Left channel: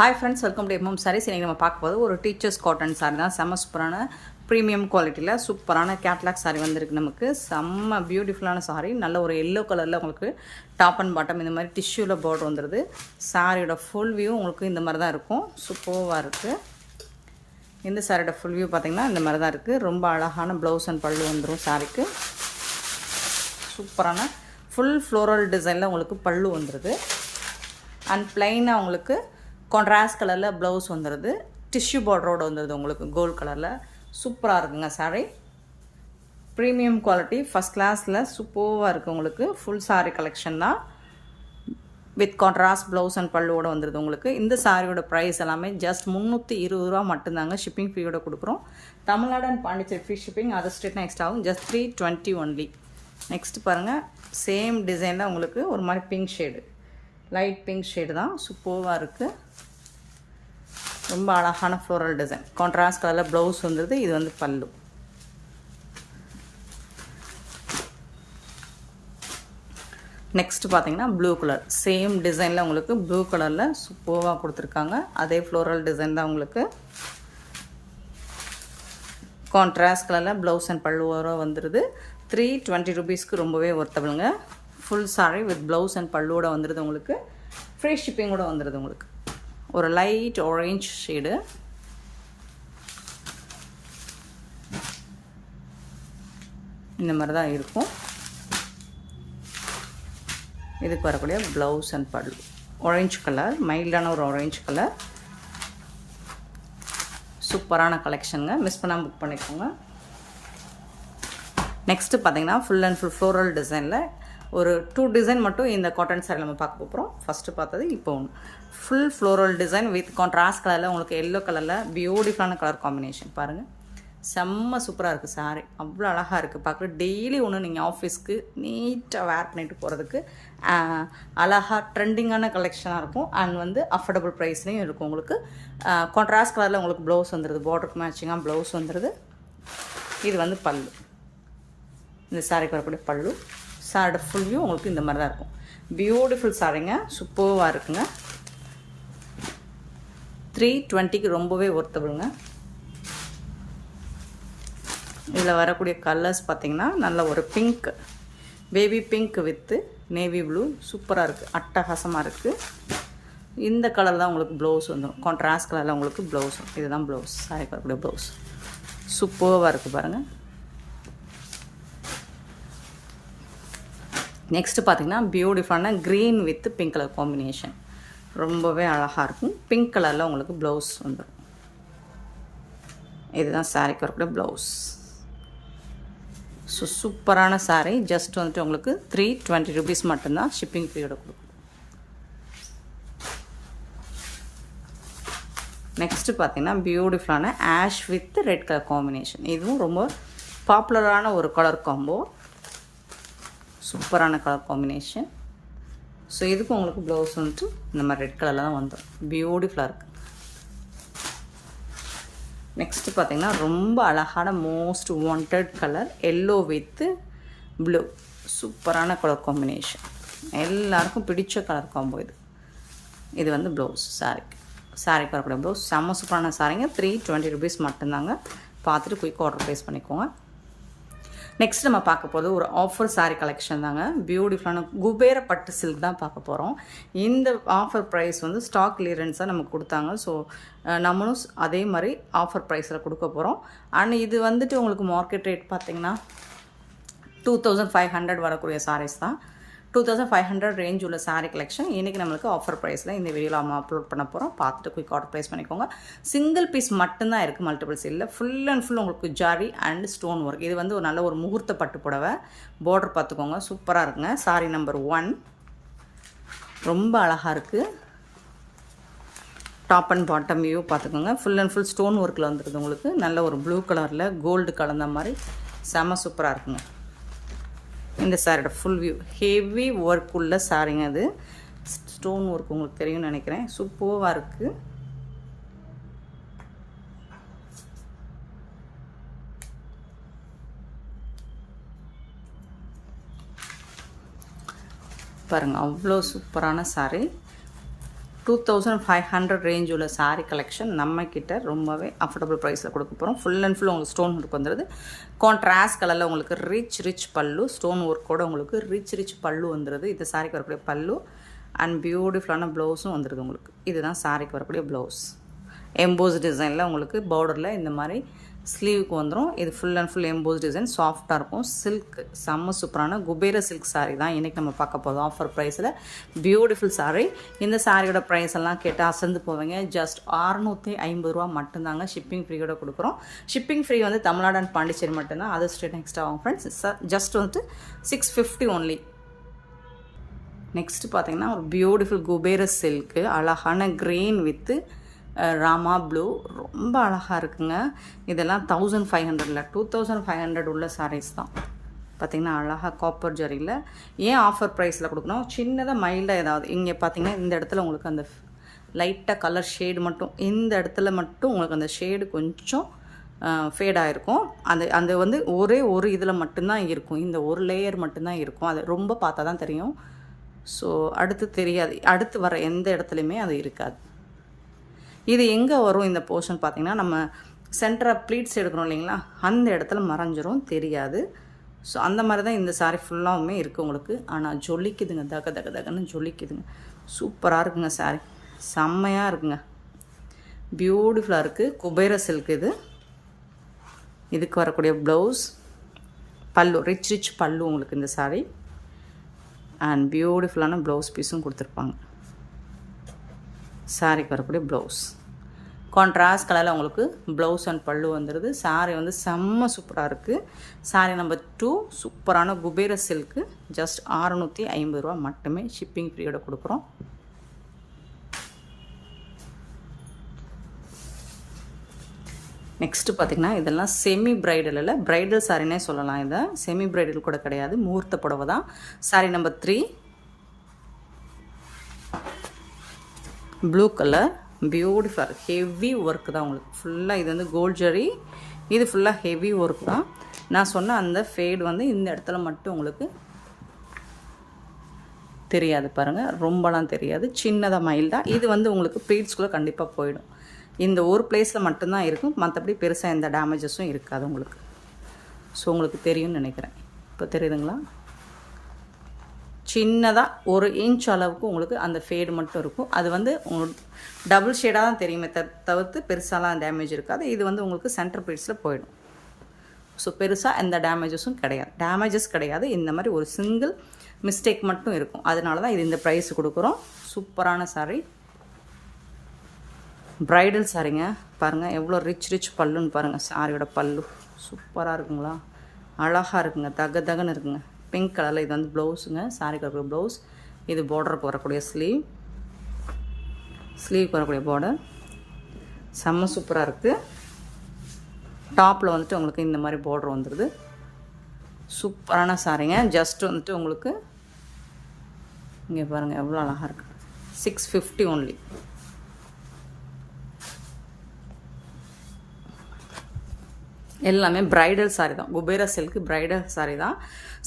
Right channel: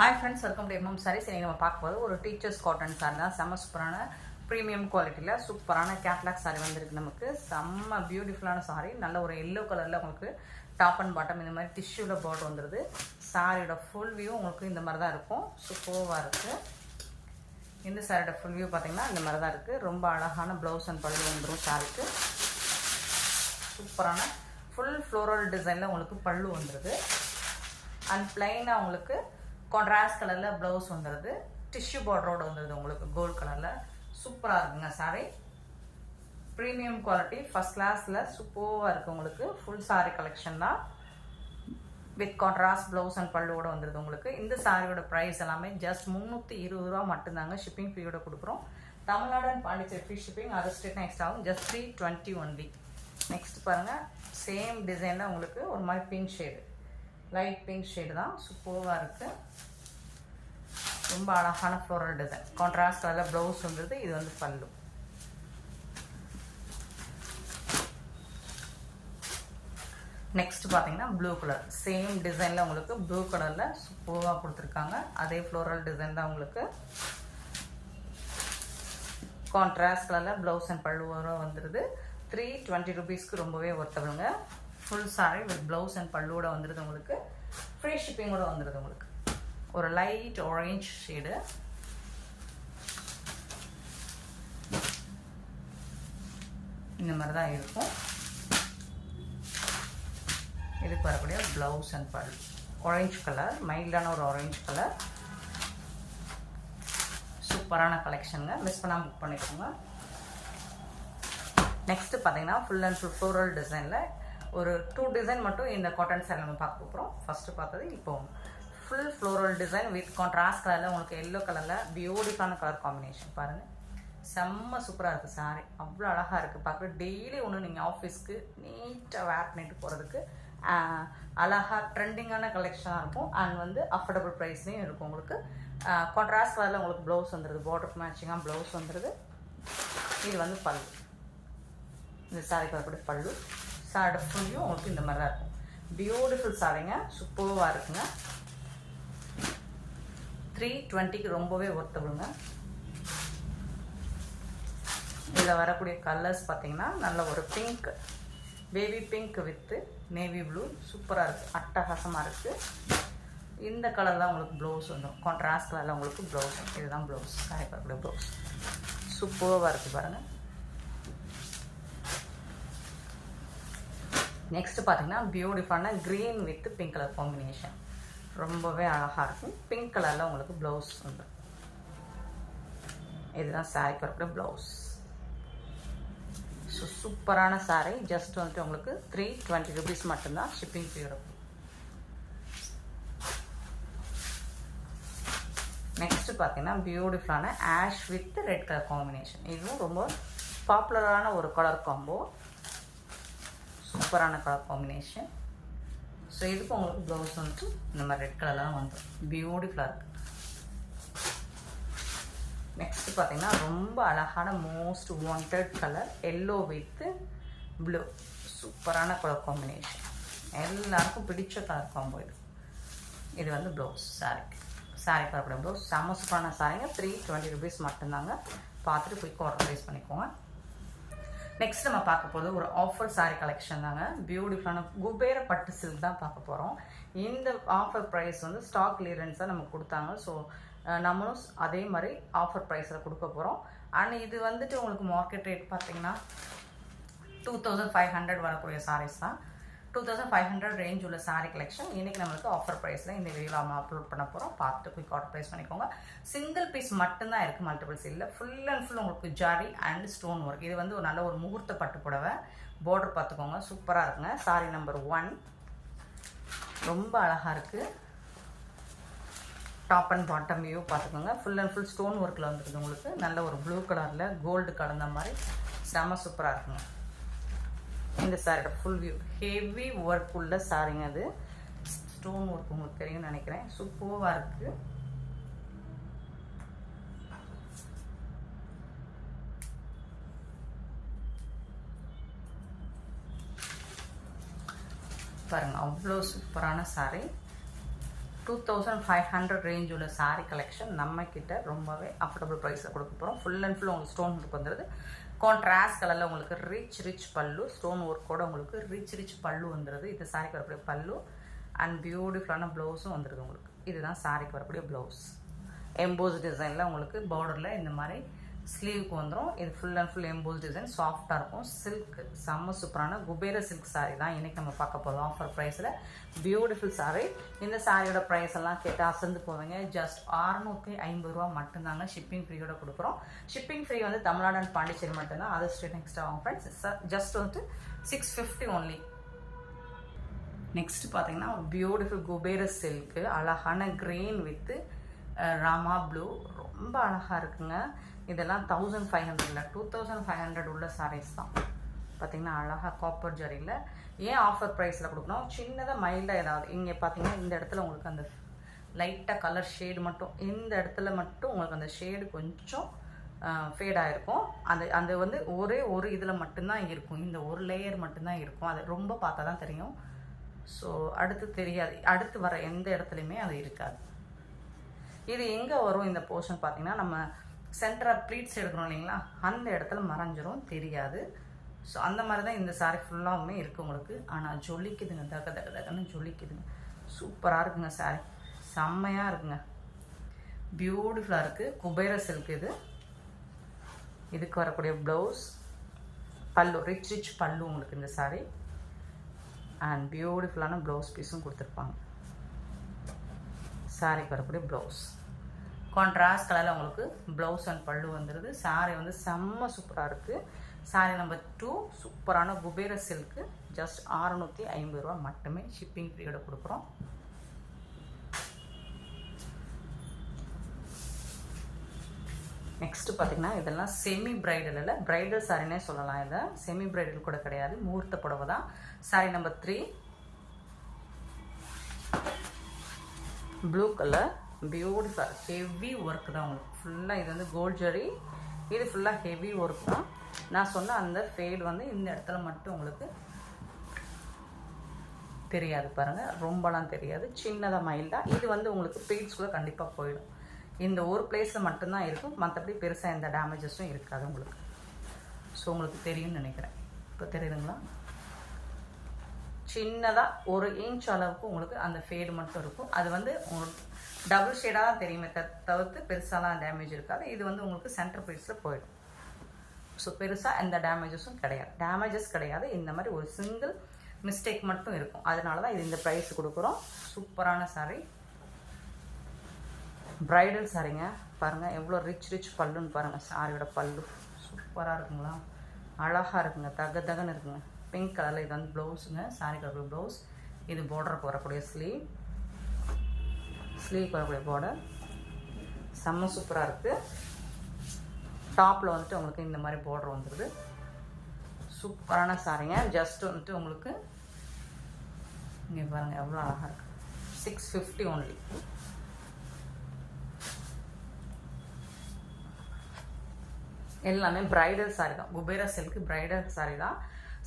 Hi friends, welcome to MM Sarees. இன்றைக்கி நம்ம பார்க்க போது ஒரு டீச்சர்ஸ் காட்டன் சாரி தான். செம்ம சூப்பரான ப்ரீமியம் குவாலிட்டியில் சூப்பரான கேட்லாக் சாரி வந்திருக்கு. நமக்கு செம்ம பியூட்டிஃபுல்லான சாரி. நல்ல ஒரு எல்லோ கலரில் உங்களுக்கு டாப் அண்ட் பாட்டம் இந்த மாதிரி டிஷ்யூவில் பார்டர் வந்துடுது. சாரியோட ஃபுல் வியூ உங்களுக்கு இந்த மாதிரி தான் இருக்கும். சூப்பராக இருக்குது. இந்த சாரியோட ஃபுல் வியூ பார்த்திங்கன்னா இந்த மாதிரி தான் இருக்குது. ரொம்ப அழகான ப்ளவுஸ் அண்ட் பல்லு வந்துடும் சாரிக்கு. சூப்பரான ஃபுல் ஃப்ளோரல் டிசைனில் உங்களுக்கு பல்லு வந்துடுது. அண்ட் பிளைனாக உங்களுக்கு கான்ட்ராஸ்ட் கலரில் ப்ளவுஸ் வந்துடுது. டிஷ்யூ பார்டரோடு வந்துடுது உங்களுக்கு கோல்டு கலரில். சூப்பராக இருக்குங்க சாரீ. ப்ரீமியம் குவாலிட்டி ஃபஸ்ட் கிளாஸில் சூப்பராக இருக்குது உங்களுக்கு. ஃபுல் சாரீ கலெக்ஷன் தான். வித் கான்ட்ராஸ்ட் ப்ளவுஸ் அண்ட் பல்லுவோடு வந்துடுது உங்களுக்கு. இந்த சாரியோட ப்ரைஸ் எல்லாமே ஜஸ்ட் 320 ரூபா மட்டும்தாங்க. ஷிப்பிங் ஃப்ரீயோட கொடுக்குறோம். Tamil Nadu and Pondicherry free shipping. அது ஸ்டேட் நெக்ஸ்ட் ஆகும். Just 320 only. நெக்ஸ்ட் பாருங்கள், சேம் டிசைனில் உங்களுக்கு ஒரு மாதிரி pink shade, light pink shade தான். சூப்பராக இருக்குது. ரொம்ப அழகான ஃப்ளோரல் டிசைன். கான்ட்ராஸ்ட் கலரில் ப்ளவுஸ் வந்துடுது. இது வந்து பல்லு. நெக்ஸ்ட் பார்த்தீங்கன்னா ப்ளூ கலர். சேம் டிசைனில் உங்களுக்கு ப்ளூ கலரில் சூப்பராக கொடுத்துருக்காங்க. அதே ஃப்ளோரல் டிசைன் தான் உங்களுக்கு. கான்ட்ராஸ்ட் கலரில் ப்ளவுஸ் அண்ட் பல்லுவோட வந்துடுது. 320 ருபீஸ்க்கு ரொம்பவே ஒர்த்தபிளுங்க. Full sari with blouse and பல்லுவோட வந்துடுது உங்களுக்கு. ஃப்ரீ ஷிப்பிங்கோட வந்துடுது உங்களுக்கு. ஒரு லைட் ஆரஞ்ச் ஷேடு. இந்த மாதிரி தான் இருக்கும். இதுக்கு வரக்கூடிய ப்ளவுஸ் அண்ட் பல்லு ஆரஞ்ச் கலர், மைல்டான ஒரு ஆரஞ்ச் கலர். சூப்பரான கலெக்ஷனுங்க. மிஸ் பண்ணாமல் புக் பண்ணிக்கோங்க. நெக்ஸ்ட்டு பார்த்தீங்கன்னா ஃபுல் அண்ட் ஃபுல் ஃப்ளோரல் டிசைனில் ஒரு 2 டிசைன் மட்டும் இந்த காட்டன் சாரி நம்ம பார்க்க போகிறோம். ஃபஸ்ட்டு பார்த்தது இப்போ ஒன்று full floral design with contrast கலரில் உங்களுக்கு எல்லோ கலரில் பியூட்டிஃபுல்லான கலர் காம்பினேஷன். பாருங்கள், செம்ம சூப்பராக இருக்குது சாரி. அவ்வளோ அழகாக இருக்குது பார்க்குற. டெய்லி ஒன்று நீங்கள் ஆஃபீஸ்க்கு நீட்டாக வேர் பண்ணிட்டு போகிறதுக்கு அழகாக ட்ரெண்டிங்கான கலெக்ஷனாக இருக்கும். அண்ட் வந்து அஃபோர்டபுள் ப்ரைஸ்லேயும் இருக்கும் உங்களுக்கு. கான்ட்ராஸ்ட் கலரில் உங்களுக்கு ப்ளவுஸ் வந்துடுது. பார்டருக்கு மேட்சிங்காக ப்ளவுஸ் வந்துடுது. இது வந்து பல்லு. இந்த சாரிக்கு வரக்கூடிய பல்லு. சாரியோட ஃபுல் வியூ உங்களுக்கு இந்த மாதிரி தான் இருக்கும். பியூட்டிஃபுல் சாரிங்க. சூப்பராக இருக்குங்க. 320க்கு ரொம்பவே ஒர்த்தபிளுங்க. இதில் வரக்கூடிய கலர்ஸ் பார்த்திங்கன்னா நல்ல ஒரு pink, baby pink with navy blue. சூப்பராக இருக்குது. அட்டகாசமாக இருக்குது. இந்த கலர் தான் உங்களுக்கு ப்ளவுஸ் வந்துடும். கான்ட்ராஸ்ட் கலரில் உங்களுக்கு ப்ளவுஸ். இதுதான் ப்ளவுஸ். சாரிக்கு வரக்கூடிய ப்ளவுஸ். சூப்பராக இருக்குது பாருங்கள். நெக்ஸ்ட்டு பார்த்திங்கன்னா பியூட்டிஃபுல்லான green with pink colour combination. ரொம்பவே அழகாக இருக்கும். பிங்க் கலரில் உங்களுக்கு ப்ளவுஸ் வந்துடும். இதுதான் சாரிக்கு வரக்கூடிய ப்ளவுஸ். ஸோ சூப்பரான சாரீ. ஜஸ்ட் வந்துட்டு உங்களுக்கு 320 ருபீஸ் மட்டும்தான். ஷிப்பிங் ஃப்ரீயோட கொடுக்கும். நெக்ஸ்ட்டு பார்த்திங்கன்னா பியூட்டிஃபுல்லான ash with red colour combination. இதுவும் ரொம்ப பாப்புலரான ஒரு கலர் காம்போ. சூப்பரான கலர் காம்பினேஷன். ஸோ இதுக்கு உங்களுக்கு ப்ளவுஸ் வந்துட்டு இந்த மாதிரி ரெட் கலரில் தான் வந்துடும். பியூட்டிஃபுல்லாக இருக்குது. நெக்ஸ்ட்டு பார்த்திங்கன்னா ரொம்ப அழகான most wanted colour yellow with blue. சூப்பரான கலர் காம்பினேஷன். எல்லாருக்கும் பிடிச்ச கலர் காம்போ இது. இது வந்து ப்ளவுஸ். சாரிக்கு வரக்கூடிய ப்ளவுஸ். செம்ம சூப்பரான சாரிங்க. 320 ருபீஸ் மட்டும்தாங்க. பார்த்துட்டு குயிக் ஆர்டர் ப்ளேஸ் பண்ணிக்கோங்க. நெக்ஸ்ட் நம்ம பார்க்க போது ஒரு ஆஃபர் சாரீ கலெக்ஷன் தாங்க. பியூட்டிஃபுல்லான குபேர பட்டு சில்க் தான் பார்க்க போகிறோம். இந்த ஆஃபர் ப்ரைஸ் வந்து ஸ்டாக் கிளியரன்ஸாக நமக்கு கொடுத்தாங்க. ஸோ நம்மளும் அதே மாதிரி ஆஃபர் ப்ரைஸில் கொடுக்க போகிறோம். அண்ட் இது வந்துட்டு உங்களுக்கு மார்க்கெட் ரேட் பார்த்திங்கன்னா 2500 வரக்கூடிய சாரீஸ் தான். 2500 ரேஞ்ச் உள்ள சாரீ கலெக்ஷன் இன்றைக்கி நம்மளுக்கு ஆஃபர் ப்ரைஸில் இந்த வீடியோவில் நம்ம அப்லோட் பண்ண போகிறோம். பார்த்துட்டு குயிக் ஆர்டர் ப்ளேஸ் பண்ணிக்கோங்க. சிங்கிள் பீஸ் மட்டும்தான் இருக்குது. மல்டிபிள்ஸ் இல்லை. ஃபுல் அண்ட் ஃபுல் உங்களுக்கு ஜாரி அண்ட் ஸ்டோன் ஒர்க். இது வந்து ஒரு நல்ல ஒரு முகூர்த்த பட்டு புடவை. பார்டர் பார்த்துக்கோங்க. சூப்பராக இருக்குங்க. சாரீ நம்பர் 1 ரொம்ப அழகாக இருக்குது. டாப் அண்ட் பாட்டம் வியூ பார்த்துக்கோங்க. ஃபுல் அண்ட் ஃபுல் ஸ்டோன் ஒர்க்கில் வந்துருக்குது உங்களுக்கு. நல்ல ஒரு ப்ளூ கலரில் கோல்டு கலந்த மாதிரி செம சூப்பராக இருக்குங்க. இந்த சாரியோட ஃபுல் வியூ. ஹெவி ஒர்க் உள்ள சாரிங்க. அது ஸ்டோன் ஒர்க் உங்களுக்கு தெரியும்னு நினைக்கிறேன். சூப்பராக இருக்குது. பாருங்கள், அவ்வளோ சூப்பரான சாரீ. 2500 ரேஞ்ச் உள்ள சாரீ கலெக்ஷன் நம்மக்கிட்ட ரொம்பவே அஃபோர்டபுள் ப்ரைஸில் கொடுக்க போகிறோம். ஃபுல் அண்ட் ஃபுல் உங்களுக்கு ஸ்டோன் ஒர்க் வந்துடுது. கான்ட்ராஸ்ட் கலரில் உங்களுக்கு ரிச் பல்லு, ஸ்டோன் ஒர்க்கோடு உங்களுக்கு ரிச் பல்லு வந்துடுது. இது சாரிக்கு வரக்கூடிய பல்லு அண்ட் பியூட்டிஃபுல்லான ப்ளவுஸும் வந்துடுது உங்களுக்கு. இதுதான் சாரிக்கு வரக்கூடிய ப்ளவுஸ். எம்போஸ் டிசைனில் உங்களுக்கு பார்டரில் இந்த மாதிரி ஸ்லீவுக்கு வந்துடும். இது full and full EMBOSS design, சாஃப்டாக இருக்கும். சில்க் செம்ம சூப்பரான குபேர சில்க் சாரீ தான் இன்றைக்கி நம்ம பார்க்க போதும் ஆஃபர் ப்ரைஸில். பியூட்டிஃபுல் சாரீ. இந்த சாரியோட ப்ரைஸ் எல்லாம் கேட்டால் அசந்து போவீங்க. ஜஸ்ட் 650 ரூபா மட்டும்தாங்க. ஷிப்பிங் ஃப்ரீயோட கொடுக்குறோம். ஷிப்பிங் ஃப்ரீ வந்து தமிழ்நாடு அண்ட் பாண்டிச்சேரி மட்டும்தான். அது ஸ்டேட் நெக்ஸ்ட் ஆகும் ஃப்ரெண்ட்ஸ். ஜஸ்ட் வந்துட்டு 650 ஒன்லி. நெக்ஸ்ட்டு பார்த்தீங்கன்னா ஒரு பியூட்டிஃபுல் குபேர சில்க்கு, அழகான க்ரீன் வித்து ராமா ப்ளூ, ரொம்ப அழகாக இருக்குங்க. இதெல்லாம் 1500 2500 உள்ள சாரீஸ் தான். பார்த்திங்கன்னா அழகாக காப்பர் ஜரியில். ஏன் ஆஃபர் ப்ரைஸில் கொடுக்கணும், சின்னதாக மைல்டாக ஏதாவது இங்கே பார்த்திங்கன்னா இந்த இடத்துல உங்களுக்கு அந்த லைட்டாக கலர் ஷேடு மட்டும், இந்த இடத்துல மட்டும் உங்களுக்கு அந்த ஷேடு கொஞ்சம் ஃபேடாக இருக்கும். அந்த வந்து ஒரே ஒரு இதில் மட்டும்தான் இருக்கும், இந்த ஒரு லேயர் மட்டும்தான் இருக்கும். அது ரொம்ப பார்த்தா தான் தெரியும். ஸோ அடுத்து தெரியாது, அடுத்து வர எந்த இடத்துலையுமே அது இருக்காது. இது எங்கே வரும் இந்த போர்ஷன் பார்த்திங்கன்னா, நம்ம சென்டராக ப்ளீட்ஸ் எடுக்கணும் இல்லைங்களா, அந்த இடத்துல மறைஞ்சிரும், தெரியாது. ஸோ அந்த மாதிரி தான் இந்த சாரீ ஃபுல்லாகவுமே இருக்குது உங்களுக்கு. ஆனால் ஜொலிக்குதுங்க, தகன்னு ஜொலிக்குதுங்க. சூப்பராக இருக்குங்க சாரீ, செம்மையாக இருக்குங்க, பியூட்டிஃபுல்லாக இருக்குது. குபேர சில்க் இது. இதுக்கு வரக்கூடிய ப்ளவுஸ், பல்லு ரிச் பல்லு உங்களுக்கு இந்த சாரீ அண்ட் பியூட்டிஃபுல்லான ப்ளவுஸ் பீஸும் கொடுத்துருப்பாங்க. சாரிக்கு வரக்கூடிய ப்ளவுஸ் கான்ட்ராஸ்ட் கலரில் உங்களுக்கு ப்ளவுஸ் அண்ட் பல்லு வந்துடுது. சாரீ வந்து செம்ம சூப்பராக இருக்குது. சாரீ நம்பர் 2 சூப்பரான குபேர சில்க்கு. ஜஸ்ட் 650 ரூபா மட்டுமே. ஷிப்பிங் ஃப்ரீயோட கொடுக்குறோம். நெக்ஸ்ட்டு பார்த்திங்கன்னா இதெல்லாம் செமி பிரைடல் இல்லை, பிரைடல் சாரினே சொல்லலாம். இதை செமி பிரைடல் கூட கிடையாது, முகூர்த்த புடவை தான். Sari number 3 blue colour, beautiful heavy work தான் உங்களுக்கு ஃபுல்லாக. இது வந்து கோல்ட் ஜரி, இது ஃபுல்லாக ஹெவி ஒர்க் தான். நான் சொன்ன அந்த ஃபேட் வந்து இந்த இடத்துல மட்டும் உங்களுக்கு தெரியாது பாருங்கள், ரொம்பலாம் தெரியாது, சின்னதாக மைல்டாக. இது வந்து உங்களுக்கு ப்ளீட்ஸ்குள்ளே கண்டிப்பாக போயிடும். இந்த ஒரு பிளேஸில் மட்டும்தான் இருக்கும், மற்றபடி பெருசாக எந்த டேமேஜஸும் இருக்காது உங்களுக்கு. ஸோ உங்களுக்கு தெரியும்னு நினைக்கிறேன். இப்போ தெரியுதுங்களா, சின்னதாக 1 இன்ச் அளவுக்கு உங்களுக்கு அந்த ஃபேடு மட்டும் இருக்கும். அது வந்து உங்களுக்கு டபுள் ஷேடாக தான் தெரியுமே தவிர்த்து பெருசாலாம் டேமேஜ் இருக்காது. இது வந்து உங்களுக்கு சென்டர் பீட்ஸில் போயிடும். ஸோ பெருசாக எந்த டேமேஜஸும் கிடையாது. இந்த மாதிரி ஒரு சிங்கிள் மிஸ்டேக் மட்டும் இருக்கும். அதனால தான் இது இந்த ப்ரைஸ் கொடுக்குறோம். சூப்பரான சாரீ, ப்ரைடல் சாரீங்க. பாருங்கள் எவ்வளோ ரிச் பல்லுன்னு பாருங்கள். சாரியோட பல்லு சூப்பராக இருக்குங்களா, அழகாக இருக்குங்க, தகன்னு இருக்குங்க. பிங்க் கலரில் இது வந்து ப்ளவுஸுங்க, சாரிக்கு வரக்கூடிய ப்ளவுஸ். இது பார்டருக்கு வரக்கூடிய ஸ்லீவுக்கு வரக்கூடிய பார்டர் செம்ம சூப்பராக இருக்குது. டாப்பில் வந்துட்டு உங்களுக்கு இந்த மாதிரி பார்டர் வந்துடுது. சூப்பரான சாரீங்க. ஜஸ்ட் வந்துட்டு உங்களுக்கு இங்கே பாருங்கள் எவ்வளோ அழகாக இருக்குது. 650 ஒன்லி. எல்லாமே பிரைடல் சாரீ தான். குபேர சில்க்கு பிரைடல் சாரீ தான்.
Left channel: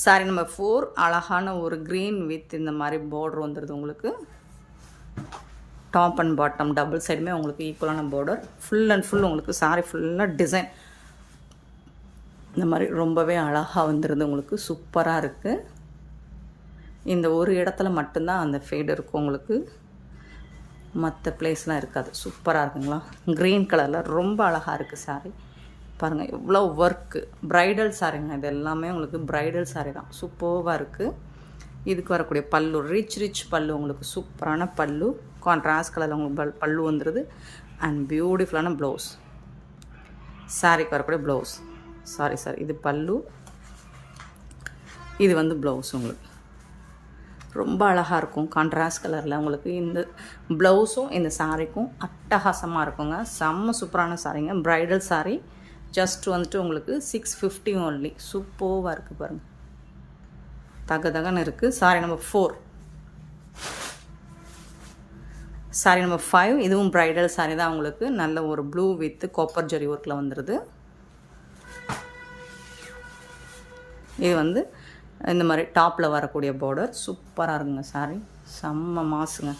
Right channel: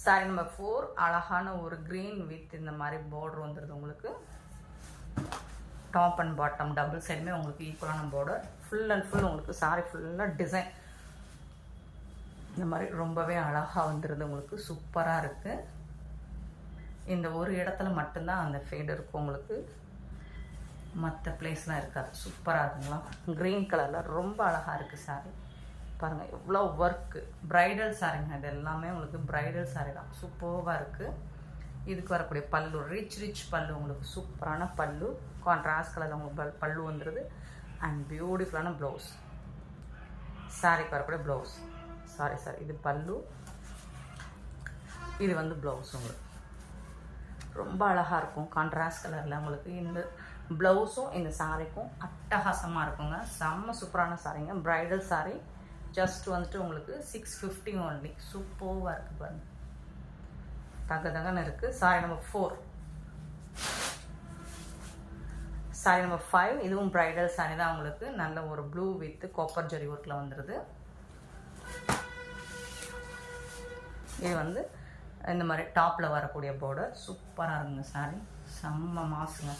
சாரீ நம்பர் 4 அழகான ஒரு க்ரீன் வித் இந்த மாதிரி பார்டர் வந்துடுது உங்களுக்கு. டாப் அண்ட் பாட்டம் டபுள் சைடுமே உங்களுக்கு ஈக்குவலான பார்டர். ஃபுல் அண்ட் ஃபுல் உங்களுக்கு சாரீ ஃபுல்லாக டிசைன் இந்த மாதிரி ரொம்பவே அழகாக வந்துடுது உங்களுக்கு. சூப்பராக இருக்குது. இந்த ஒரு இடத்துல மட்டும்தான் அந்த ஃபேடு இருக்கும் உங்களுக்கு, மற்ற பிளேஸ்லாம் இருக்காது. சூப்பராக இருக்குங்களா, க்ரீன் கலரில் ரொம்ப அழகாக இருக்குது சாரீ. பாருங்கள் எவ்வளோ ஒர்க்கு, ப்ரைடல் சாரீங்க. இது எல்லாமே உங்களுக்கு ப்ரைடல் சாரீ தான். சூப்பராக இருக்குது. இதுக்கு வரக்கூடிய பல்லு ரிச் பல்லு உங்களுக்கு, சூப்பரான பல்லு. கான்ட்ராஸ்ட் கலரில் உங்களுக்கு பல்லு வந்துடுது அண்ட் பியூட்டிஃபுல்லான ப்ளவுஸ். சாரீக்கு வரக்கூடிய ப்ளவுஸ், சாரி இது பல்லு, இது வந்து ப்ளவுஸ் உங்களுக்கு ரொம்ப அழகாக இருக்கும். கான்ட்ராஸ்ட் கலரில் உங்களுக்கு இந்த ப்ளவுஸும் இந்த சாரீக்கும் அட்டகாசமாக இருக்குங்க. செம்ம சூப்பரான சாரீங்க, ப்ரைடல் சாரீ. ஜஸ்ட் வந்துட்டு உங்களுக்கு 650 ஒன்லி. சூப்பராக இருக்குது பாருங்கள், தகன்னு இருக்குது. சாரீ நம்பர் 4 சாரீ நம்பர் 5 இதுவும் ப்ரைடல் சாரீ தான் உங்களுக்கு. நல்ல ஒரு ப்ளூ வித் காப்பர் ஜரி ஒர்க்கில் வந்துடுது. இது வந்து இந்த மாதிரி டாப்பில் வரக்கூடிய பார்டர் சூப்பராக இருக்குங்க. சாரீ செம்ம மாசுங்க.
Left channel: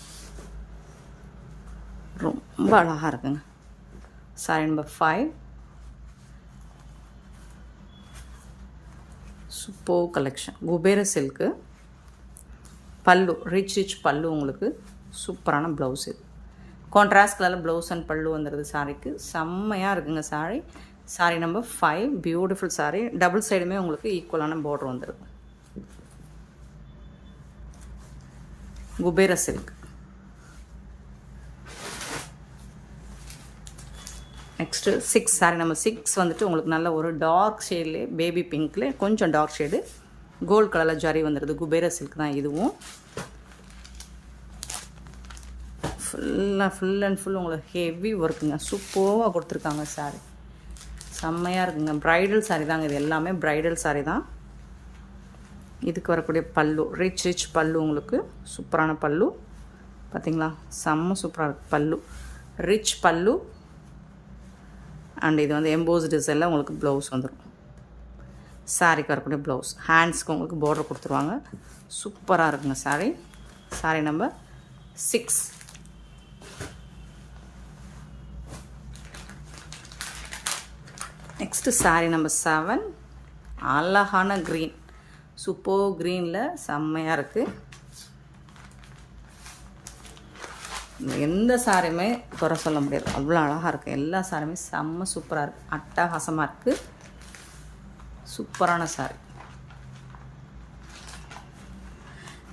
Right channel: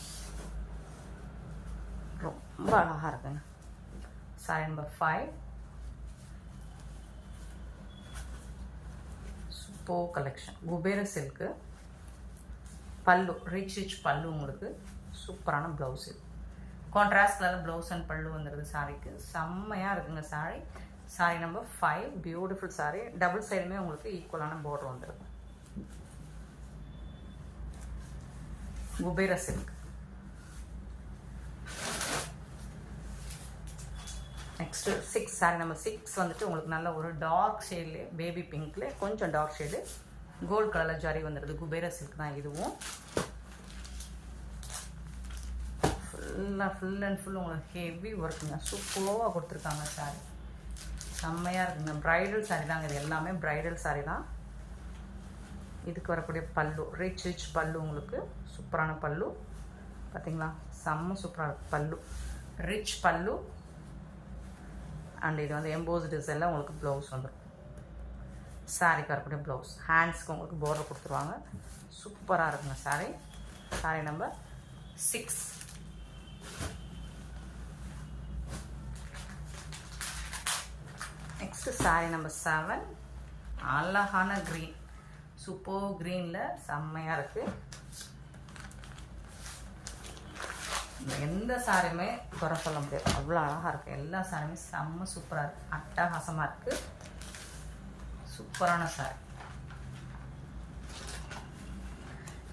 ரொம்ப அழகாக இருக்குங்க. Sorry number 5 super collection. Kubera silk பல்லு, ரிச் பல்லு, உங்களுக்கு சூப்பரான ப்ளவுஸ். இது கான்ட்ராஸ்ட் கலரில் ப்ளவுஸ் அண்ட் பல்லு வந்துடுது சாரிக்கு. செம்மையாக இருக்குங்க sorry. Sorry number 5 beautiful sorry. Double சைடுமே உங்களுக்கு ஈக்குவலான பார்டர் வந்துடுது. Kubera silk. Next 6 sorry number 6 வந்துட்டு உங்களுக்கு நல்ல ஒரு டார்க் ஷேட்லேயே பேபி பிங்க்ல கொஞ்சம் டார்க் ஷேடு கோல்டு கலரில் ஜரி வந்துடுது. குபேர சில்க் தான் இதுவும். ஃபுல் அண்ட் ஃபுல் உங்களுக்கு ஹெவி ஒர்க்குங்க. சூப்பராக கொடுத்துருக்காங்க சாரி. செம்மையாக இருக்குங்க. ப்ரைடல் சாரி தாங்க இது எல்லாமே. ப்ரைடல் சாரி தான். இதுக்கு வரக்கூடிய பல்லு ரிச் பல்லு, உங்களுக்கு சூப்பரான பல்லு. பார்த்தீங்களா, செம்ம சூப்பராக இருக்குது பல்லு. ரிச் பல்லு அண்ட் இது வந்து எம்போஸ் டிசைனில் உங்களுக்கு ப்ளவுஸ் வந்துடும். சாரிக்கு வரக்கூடிய ப்ளவுஸ். ஹேண்ட்ஸ்க்கு உங்களுக்கு பார்டர் கொடுத்துருவாங்க. சூப்பராக இருக்குங்க sorry. Sorry number 6. Next sorry number 7 அழகான க்ரீன். சூப்பர் க்ரீனில் செம்மையாக இருக்குது. எந்த சாரியுமே குறை சொல்ல முடியாது, அவ்வளோ அழகாக இருக்குது. எல்லா சாரியுமே செம்ம சூப்பராக இருக்குது. அட்டகாசமாக இருக்குது. சூப்பரான சாரி.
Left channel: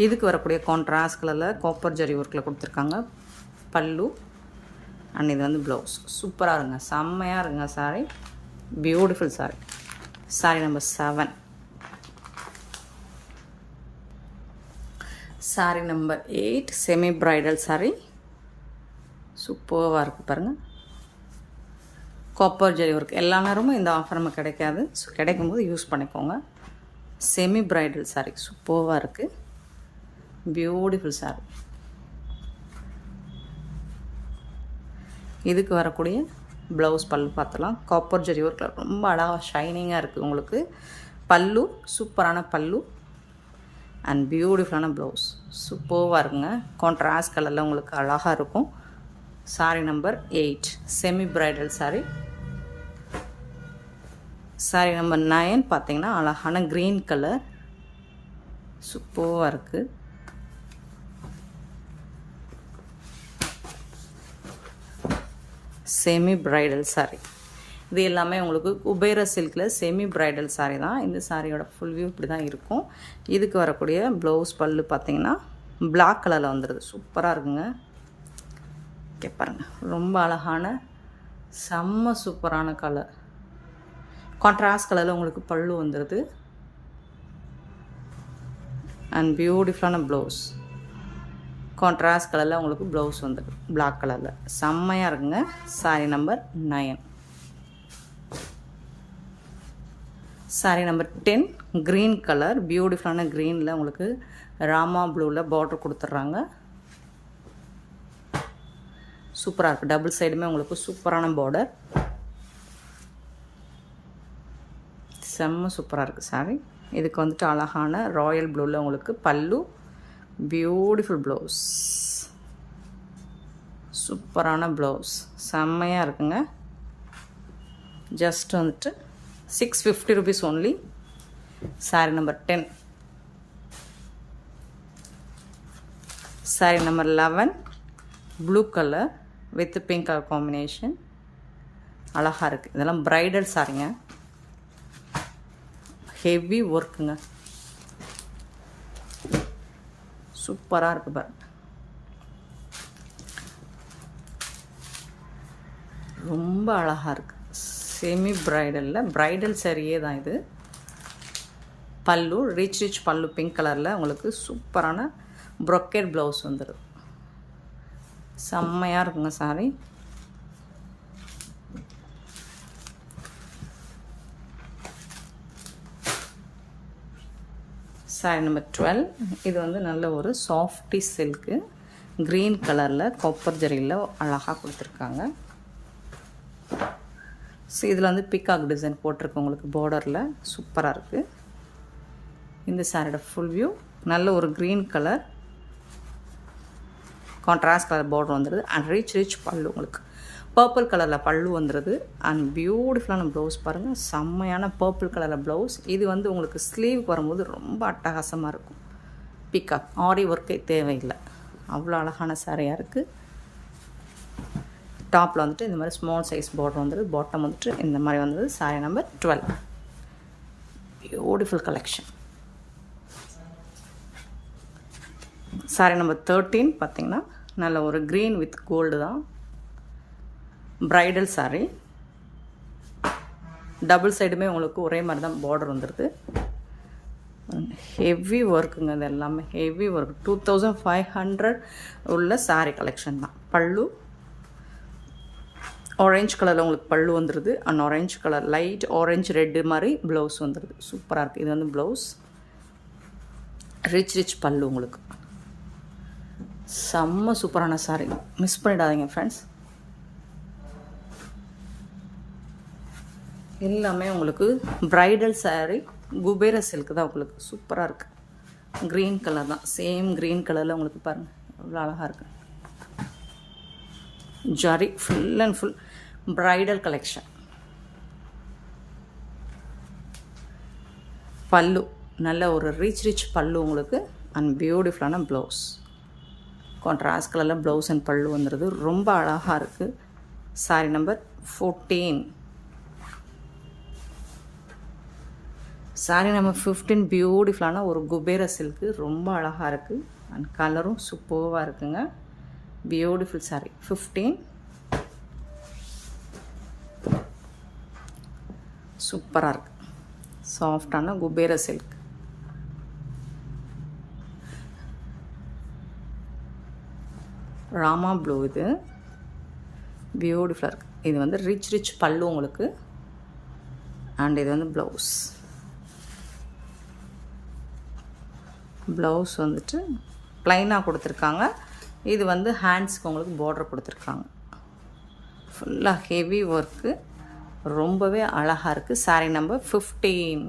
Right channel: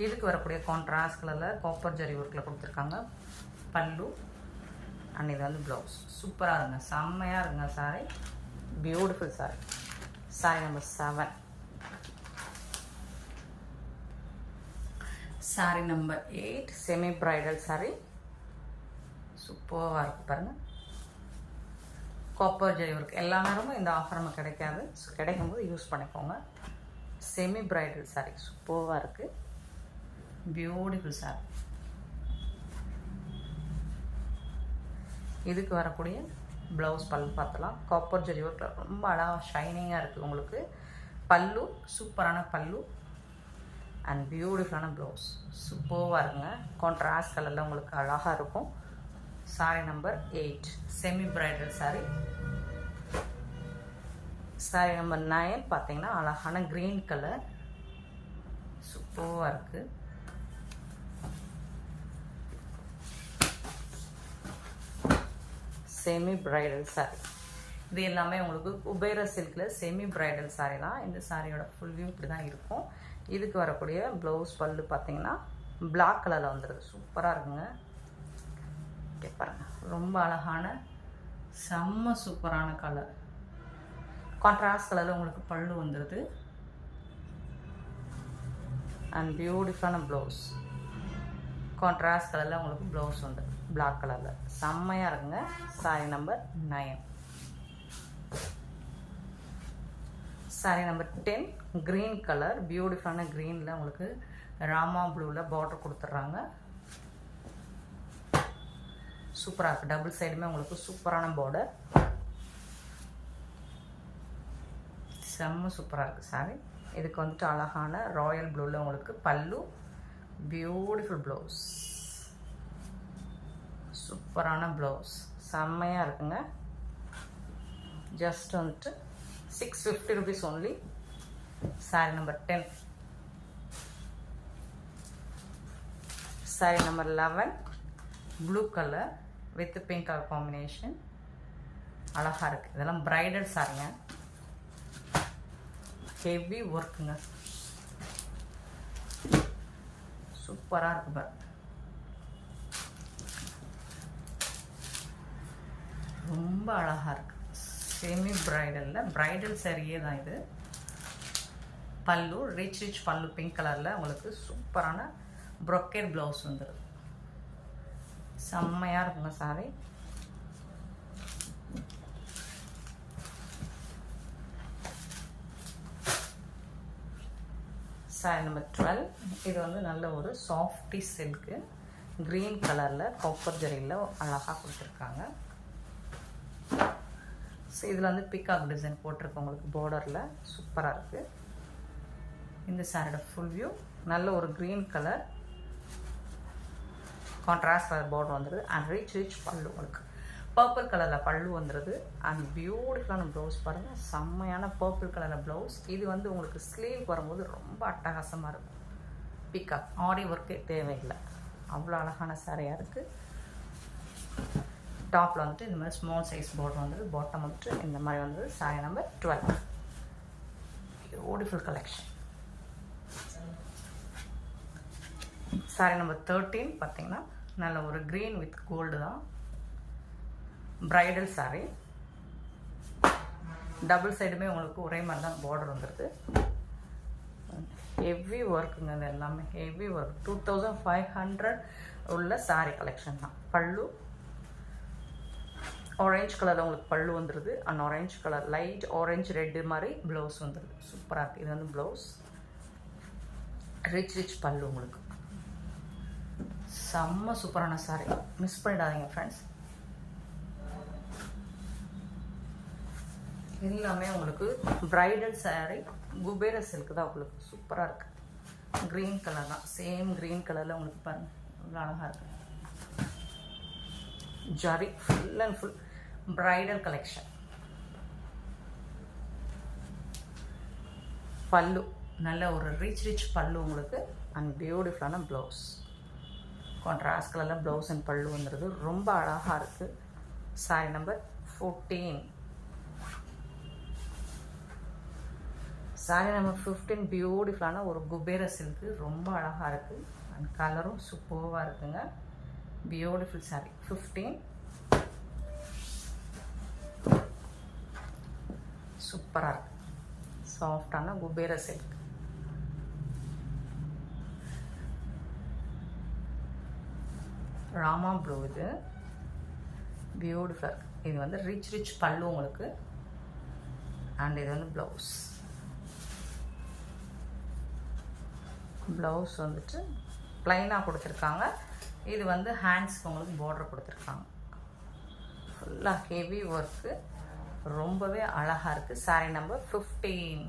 இதுக்கு வரக்கூடிய கான்ட்ராஸ்ட் கலரில் காப்பர் ஜரி ஒர்க்கில் கொடுத்துருக்காங்க பல்லு அண்ட் இது வந்து ப்ளவுஸ். சூப்பராக இருங்க, செம்மையாக இருங்க sorry. Beautiful sorry. Sorry number 7. Sorry number 8 semi bridal sorry. சூப்பராக இருக்குது பாருங்கள். Copper zari work. எல்லா நேரமும் இந்த ஆஃபர் நம்ம கிடைக்காது. ஸோ கிடைக்கும்போது யூஸ் பண்ணிக்கோங்க. செமி ப்ரைடல் சாரி சூப்பராக இருக்குது. Beautiful sorry. இதுக்கு வரக்கூடிய ப்ளவுஸ் பல்லு பார்த்துலாம். காப்பர் ஜரி ஒர்க்கில் ரொம்ப அழகாக ஷைனிங்காக இருக்குது உங்களுக்கு. பல்லு சூப்பரான பல்லு அண்ட் பியூட்டிஃபுல்லான ப்ளவுஸ். சூப்பராக இருக்குங்க. கான்ட்ராஸ்ட் கலரில் உங்களுக்கு அழகாக இருக்கும். Sorry number 8 semi bridal sorry. Sorry number 9 பார்த்தீங்கன்னா அழகான க்ரீன் கலர். சூப்பராக இருக்குது. Semi bridal sorry. இது எல்லாமே உங்களுக்கு குபேர சில்கில் செமி ப்ரைடல் சாரி தான். இந்த சாரியோட ஃபுல் வியூ இப்படி தான் இருக்கும். இதுக்கு வரக்கூடிய ப்ளவுஸ் பல்லு பார்த்தீங்கன்னா பிளாக் கலரில் வந்துடுது. சூப்பராக இருக்குங்க. ஓகே பாருங்கள், ரொம்ப அழகான செம்ம சூப்பரான கலர். கான்ட்ராஸ்ட் கலரில் உங்களுக்கு பல்லு வந்துடுது அண்ட் பியூட்டிஃபுல்லான ப்ளவுஸ். கான்ட்ராஸ்ட் கலரில் உங்களுக்கு ப்ளவுஸ் வந்துடுது பிளாக் கலரில். செம்மையாக இருக்குங்க. Sorry number 9. Sorry number 10 green colour. பியூட்டிஃபுல்லான க்ரீனில் உங்களுக்கு ராமா ப்ளூவில் பார்டர் கொடுத்துட்றாங்க. சூப்பராக இருக்குது. டபுள் சைடுமே உங்களுக்கு சூப்பரான பார்டர். செம்ம சூப்பராக இருக்குது சாரி. இதுக்கு வந்துட்டு அழகான ராயல் ப்ளூவில் உங்களுக்கு பல்லு. Beautiful blouse. சூப்பரான ப்ளவுஸ். செம்மையாக இருக்குங்க. ஜஸ்ட் வந்துட்டு 650 rupees only. Sorry number 10. Sorry number 11 blue colour with pink colour combination. அழகாக இருக்குது. இதெல்லாம் ப்ரைடல் சாரிங்க. ஹெவி ஒர்க்குங்க. சூப்பராக இருக்குது பாரு. ரொம்ப அழகாக இருக்குது. செமி ப்ரைடலில் ப்ரைடல் சாரியே தான் இது. பல்லு ரிச் பல்லு பிங்க் கலரில் உங்களுக்கு சூப்பரான ப்ரொக்கேட் ப்ளவுஸ் வந்துடுது. செம்மையாக இருக்குங்க சாரி. Sorry number 12. இது வந்து நல்ல ஒரு சாஃப்டி சில்க்கு க்ரீன் கலரில் காப்பர் ஜரியில் அழகாக கொடுத்துருக்காங்க. ஸோ இதில் வந்து பிகாக் டிசைன் போட்டிருக்கு உங்களுக்கு பார்டரில். சூப்பராக இருக்குது. இந்த சாரியோட ஃபுல் வியூ நல்ல ஒரு green colour contrast colour border வந்துடுது. அண்ட் ரிச் பல்லு உங்களுக்கு பர்பிள் கலரில் பல்லு வந்துடுது. அண்ட் பியூட்டிஃபுல்லான ப்ளவுஸ் பாருங்கள், செம்மையான பர்பிள் கலரில் ப்ளவுஸ். இது வந்து உங்களுக்கு ஸ்லீவுக்கு வரும்போது ரொம்ப அட்டகாசமாக இருக்கும். பிக்காக் ஆரி ஒர்க்கே தேவையில்லை, அவ்வளோ அழகான சாரியாக இருக்குது. டாப்பில் வந்துட்டு இந்த மாதிரி ஸ்மால் சைஸ் பார்டர் வந்துடுது. பாட்டம் வந்துட்டு இந்த மாதிரி வந்தது. Sorry number 12. Beautiful collection. Sorry number 13 பார்த்திங்கன்னா நல்ல ஒரு க்ரீன் வித் கோல்டு தான். ப்ரைடல் சாரீ, டபுள் சைடுமே உங்களுக்கு ஒரே மாதிரி தான் பார்டர் வந்துடுது. ஹெவி ஒர்க்குங்க, இது எல்லாமே ஹெவி ஒர்க். 2500 உள்ள சாரீ கலெக்ஷன் தான். பல்லு ஆரஞ்சு கலரில் உங்களுக்கு பல்லு வந்துடுது. And orange colour light orange red மாதிரி ப்ளவுஸ் வந்துடுது. சூப்பராக இருக்குது. இது வந்து ப்ளவுஸ். ரிச் பல்லு உங்களுக்கு. செம்ம சூப்பரான சாரீ, மிஸ் பண்ணிடாதீங்க ஃப்ரெண்ட்ஸ். எல்லாமே உங்களுக்கு ப்ரைடல் சாரீ, குபேர சில்க் தான் உங்களுக்கு. சூப்பராக இருக்குது. க்ரீன் கலர் தான், சேம் க்ரீன் கலரில் உங்களுக்கு பாருங்கள் எவ்வளோ அழகாக இருக்குது. Zari full and full bridal collection. பல்லு நல்ல ஒரு ரிச் பல்லு உங்களுக்கு. அண்ட் பியூட்டிஃபுல்லான ப்ளவுஸ். கான்ட்ராஸ்ட் கலரில் ப்ளவுஸ் அண்ட் பல்லு வந்துடுது. ரொம்ப அழகாக இருக்குது. Sorry number 14. சாரி நம்பர் 15 பியூட்டிஃபுல்லான ஒரு குபேர சில்க்கு. ரொம்ப அழகாக இருக்குது. அண்ட் கலரும் சூப்பராக இருக்குங்க. Beautiful sorry 15. சூப்பராக இருக்குது. சாஃப்டான குபேர சில்க். ராமா ப்ளூ. இது பியூட்டிஃபுல்லாக இருக்குது. இது வந்து ரிச் பல்லு உங்களுக்கு. அண்ட் இது வந்து ப்ளவுஸ். ப்ளவுஸ் வந்துட்டு ப்ளைனாக கொடுத்துருக்காங்க. இது வந்து ஹேண்ட்ஸ்க்கு உங்களுக்கு பார்டர் கொடுத்துருக்காங்க. ஃபுல்லாக ஹெவி ஒர்க்கு, ரொம்பவே அழகாக இருக்குது. Sorry number 15.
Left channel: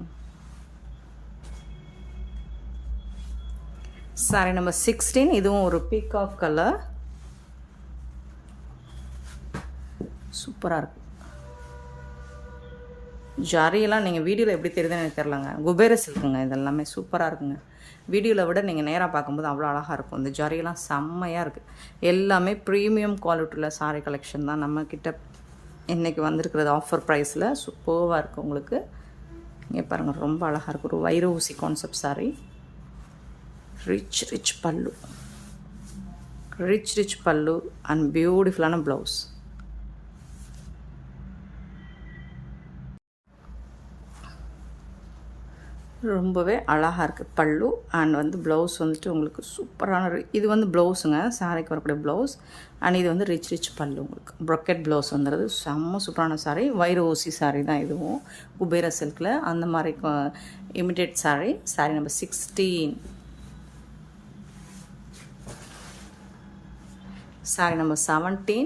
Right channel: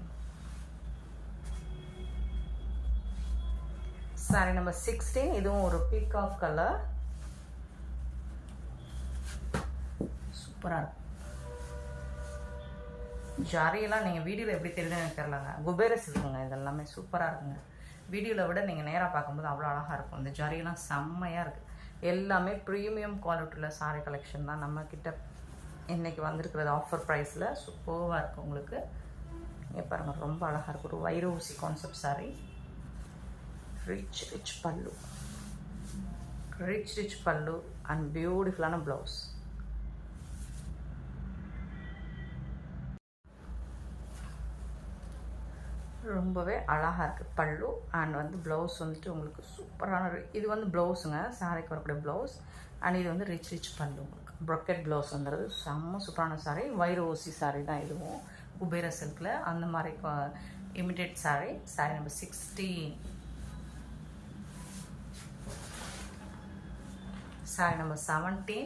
Sorry number 16. இதுவும் ஒரு பீகாக் கலர். சூப்பராக இருக்குது. ஜரியெல்லாம் நீங்கள் வீடியோவில் எப்படி தெரியுதுன்னு எனக்கு தெரிலங்க. குபேர சில்க்குங்க. இதெல்லாமே சூப்பராக இருக்குங்க. வீடியோவில் விட நீங்கள் நேராக பார்க்கும்போது அவ்வளோ அழகாக இருக்கும். இந்த ஜரியெல்லாம் செம்மையாக இருக்குது. எல்லாமே ப்ரீமியம் குவாலிட்டியில் சாரீ கலெக்ஷன் தான் நம்மக்கிட்ட இன்றைக்கி வந்திருக்கிறது. ஆஃபர் ப்ரைஸில் சூப்பராக இருக்குது உங்களுக்கு. இங்கே பாருங்கள், ரொம்ப அழகாக இருக்குது. ஒரு வைர ஊசி கான்செப்ட் சாரீ. ரிச் பல்லு. ரிச் பல்லு அண்ட் பியூட்டிஃபுல்லான ப்ளவுஸ். ரொம்பவே அழகாக இருக்குது பல்லு. அண்ட் வந்து ப்ளவுஸ் வந்துட்டு உங்களுக்கு சூப்பரான இது வந்து ப்ளவுஸுங்க, சாரிக்கு வரக்கூடிய ப்ளவுஸ். அண்ட் இது வந்து ரிச் பல்லு உங்களுக்கு. ப்ரொக்கெட் ப்ளவுஸ் வந்துடுது. செம்ம சூப்பரான சாரீ. வைர ஊசி சாரீ தான் இதுவும், குபேர சில்கில் அந்த மாதிரி imitate sari. Sari number 16. Sari number 17.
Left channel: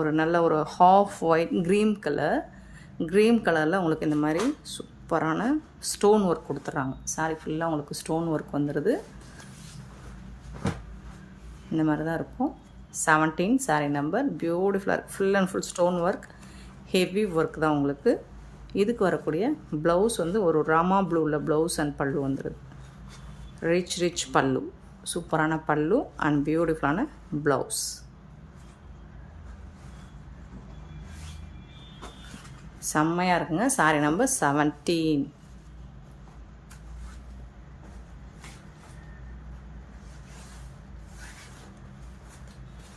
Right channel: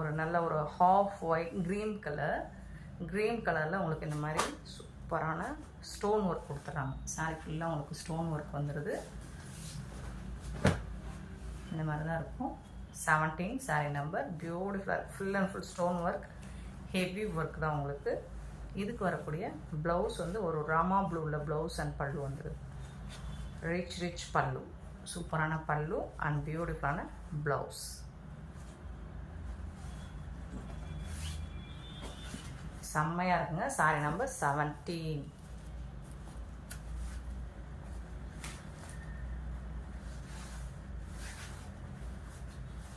ஒரு நல்ல ஒரு ஹாஃப் ஒயிட் க்ரீன் கலரில் உங்களுக்கு இந்த மாதிரி சூப்பரான ஸ்டோன் ஒர்க் கொடுத்துட்றாங்க. சாரி ஃபுல்லாக உங்களுக்கு ஸ்டோன் ஒர்க் வந்துடுது. இந்த மாதிரி தான் இருக்கும். 17 சாரீ நம்பர். பியூட்டிஃபுல்லாக full and full stone work, heavy work தான் உங்களுக்கு. இதுக்கு வரக்கூடிய ப்ளவுஸ் வந்து ஒரு ராமா ப்ளூவில் ப்ளவுஸ் அண்ட் பல்லு வந்துடுது. ரிச் பல்லு, சூப்பரான பல்லு அண்ட் பியூட்டிஃபுல்லான ப்ளவுஸ். செம்மையாக இருக்குங்க. Sorry number 17.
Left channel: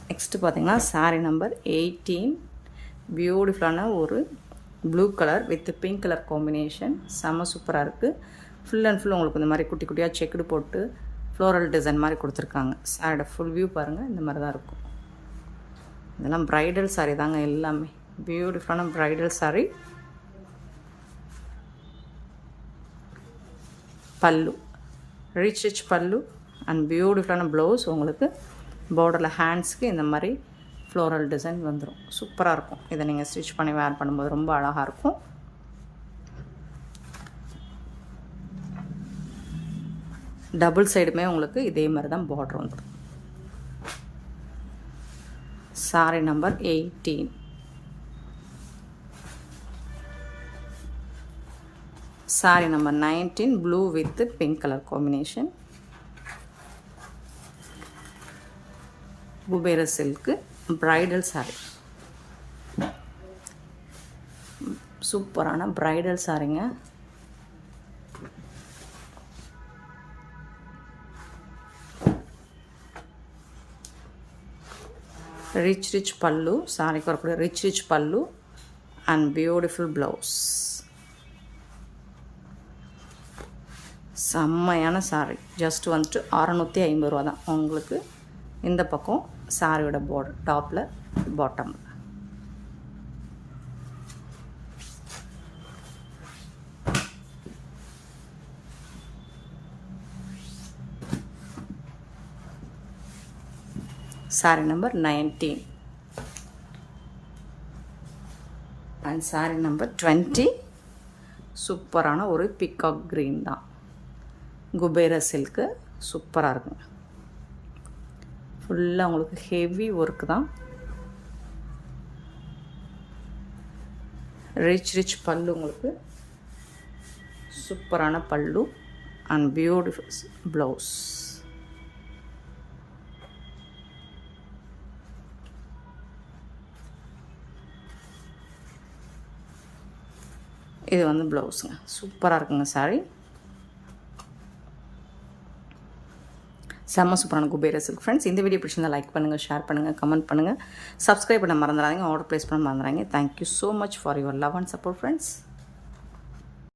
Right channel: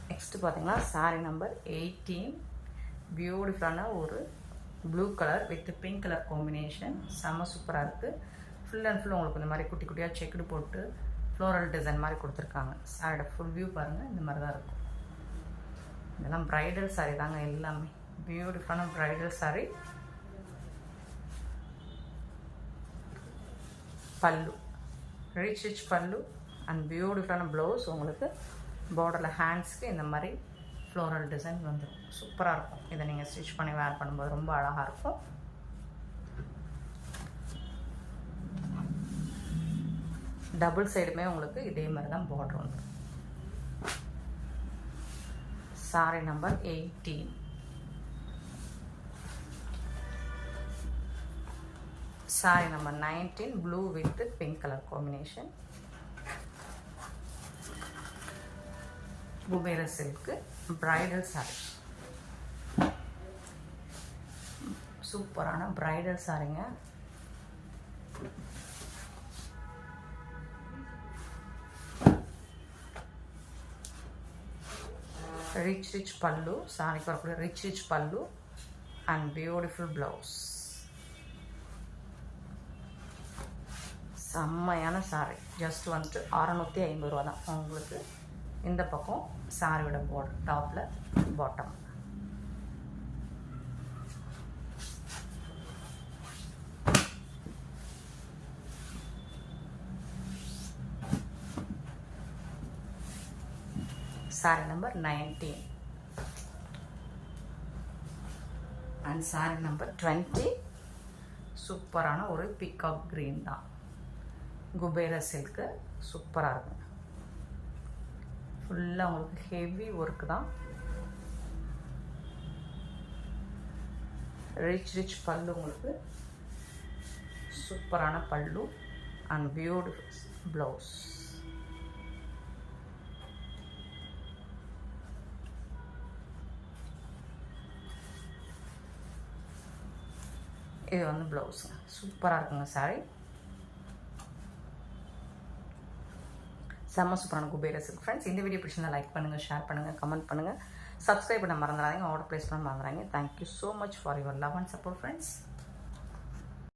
நெக்ஸ்ட்டு பார்த்தீங்கன்னா சாரி நம்பர் 18. பியூட்டிஃபுல்லான ஒரு blue colour with pink colour combination. செம்ம சூப்பராக இருக்குது. ஃபுல் அண்ட் ஃபுல் உங்களுக்கு இந்த மாதிரி குட்டி குட்டியாக செக்குடு போட்டு ஃப்ளோரல் டிசைன் மாதிரி கொடுத்துருக்காங்க. சாரியோட ஃபுல் வியூ பாருங்கள், இந்த மாதிரி தான் இருக்கும். இதெல்லாம் ப்ரைடல் சாரீ தாங்க எல்லாமே. பியூட்டிஃபுல்லான ப்ரைடல் சாரீ. பல்லு ரிச் பல்லு அண்ட் பியூட்டிஃபுல்லான ப்ளவுஸ் உங்களுக்கு. பார்டரில் ஹேண்ட்ஸ்க்கு இந்த மாதிரி ஃப்ளோரல் டிசைன் வந்துடும். சூப்பராக இருக்கும். இதை நீங்கள் ஸ்டிச் பண்ணி வேர் பண்ணும்போது ரொம்ப அழகாக இருக்கும். டபுள் சைடுமே உங்களுக்கு இதே மாதிரி தான் பார்டர் வந்துடும். saree number 18. Saree number 19, blue with pink color combination. Kubera silk bridal saree. சூப்பரான பிரைடல் சாரீங்க. ரிச் பல்லு, சாரிக்கு வரக்கூடிய ரிச் பல்லு அண்ட் பியூட்டிஃபுல் ப்ளவுஸ். செம்மையான சாரி. ஜஸ்ட் வந்துட்டு 650 ரூபா தான் உங்களுக்கு. இந்த பக்கம் சாரியோட பார்டர் டாப்பில் bottom. saree number 19 and saree number 20. சூப்பரான ஒரு பிகாக் கிரீன் தான். குபேர சில்க்கு சூப்பராக இருக்குங்க. ஃபுல்லாக உங்களுக்கு ஹெவி ஒர்க் தான். ரிச் பல்லு உங்களுக்கு. சூப்பரான பல்லு அண்ட் பியூட்டிஃபுல் ப்ளவுஸ். இது வந்து ப்ளவுஸுங்க. சூப்பராக இருக்குங்க சாரி. செம்ம சூப்பரான குபேர சில்க். ஃப்ரெண்ட்ஸ், இந்த வீடியோ பிடிச்சிருந்தா லைக் பண்ணுங்கள், ஷேர் பண்ணுங்கள், கமெண்ட் பண்ணுங்கள், சப்ஸ்கிரைப் பண்ண மறந்துடாதீங்க, ஆர்டர் ப்ளேஸ் பண்ண மறந்துடாதீங்க. Thank you so much for your love and support friends.